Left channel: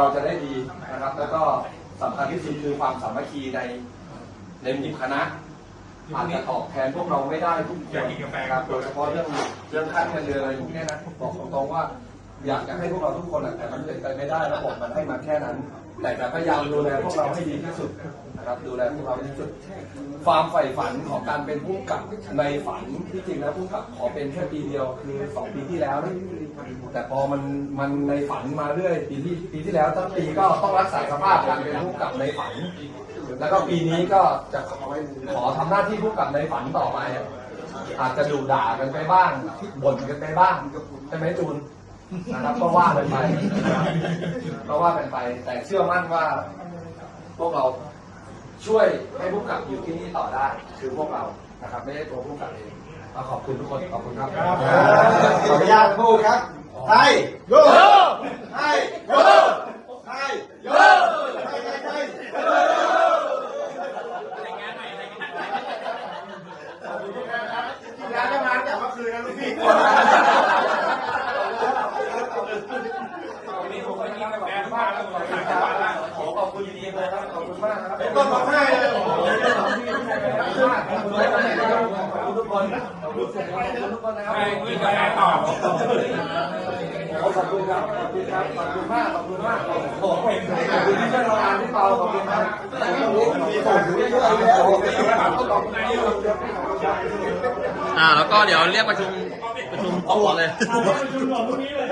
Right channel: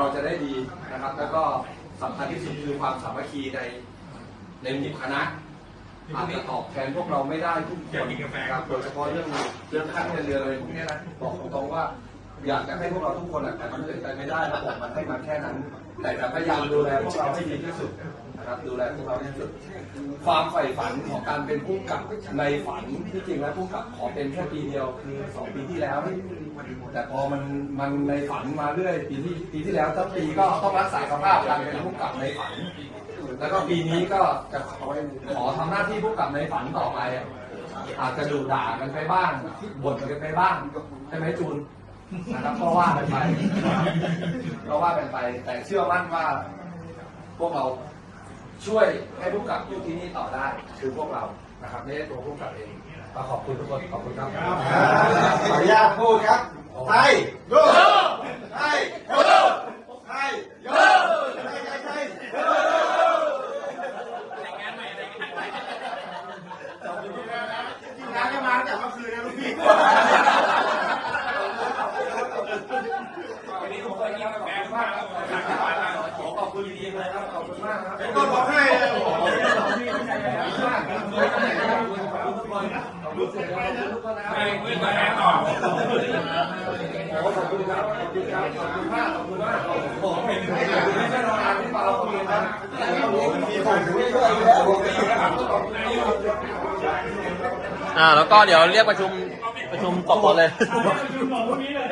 เราจะได้ดีนะครับ แล้วก็สำคัญที่สุดคือความสามัคคีในในหมู่คณะอาจจะตอบแทนพวกเราไม่ได้ทุกคนนะครับโดยเฉพาะเรื่องเรื่องขั้นเงินเดือนอะไรพวกนี้นะบอกตรงๆว่า อยากจะให้พวกเราทุกคนแหละแต่มันเป็นไปไม่ได้แล้วบอกมันให้มันแค่นั้น แต่จะพยายามดูแลพวกเราให้ดีที่สุดนะครับดูแลพวกเราให้ดีที่สุด ความใฝ่ฝันของการเป็นผู้กับในฝันที่จริงแล้วผู้กับขอเป็นแค่ปีเดียวคือสองปีที่แล้วนะแต่พอมันมันในฝันมาเรื่อยปีที่ปีที่แล้วตั้งปีก็ต้องรักษาสภาพการเป็นผู้กับในฝัน แล้วก็ปีนี้ก็จะขอขอทำหน้าที่ผู้กำกับในฝันต่อไปอาจจะดูด่ากันไปบ้างบ่นกันไปบ้างใช่ไหมจูน นะครับก็ว่ากันไปก็ว่ากันไป แต่เชื่อมั่นว่าพวกเราช่วยให้ผู้กับอยู่ที่นี่ต่อได้คือพวกเรานะครับไม่ได้ตัวผู้กับเองมาขอบคุณทุกคนขอบคุณครับขออนุญาตพูดครับไปโยไปโยไปโยไปไปไปงานก็มาแต่เมื่อคืนนะลูกพี่ วันนี้ผมก็ยิ่งแรงมากครับ ขอบคุณดีเลยครับขอบคุณมากครับต้องร้องไห้เลยโอ้โหขอบคุณทุกคนขอบคุณทุกคนนะครับไม่กินกาแฟต่อขอบคุณครับขอบคุณครับขอบคุณมากขอบคุณมากขอบคุณขอบคุณที่ได้ทำงานที่เปาขอบคุณครับมีส่งถึงได้ด้วยขอบคุณครับขอบคุณครับอ่าแล้วก็เดี๋ยวเรียกประชุมประชุมต่อเลยประชุมของพวกนี้เลย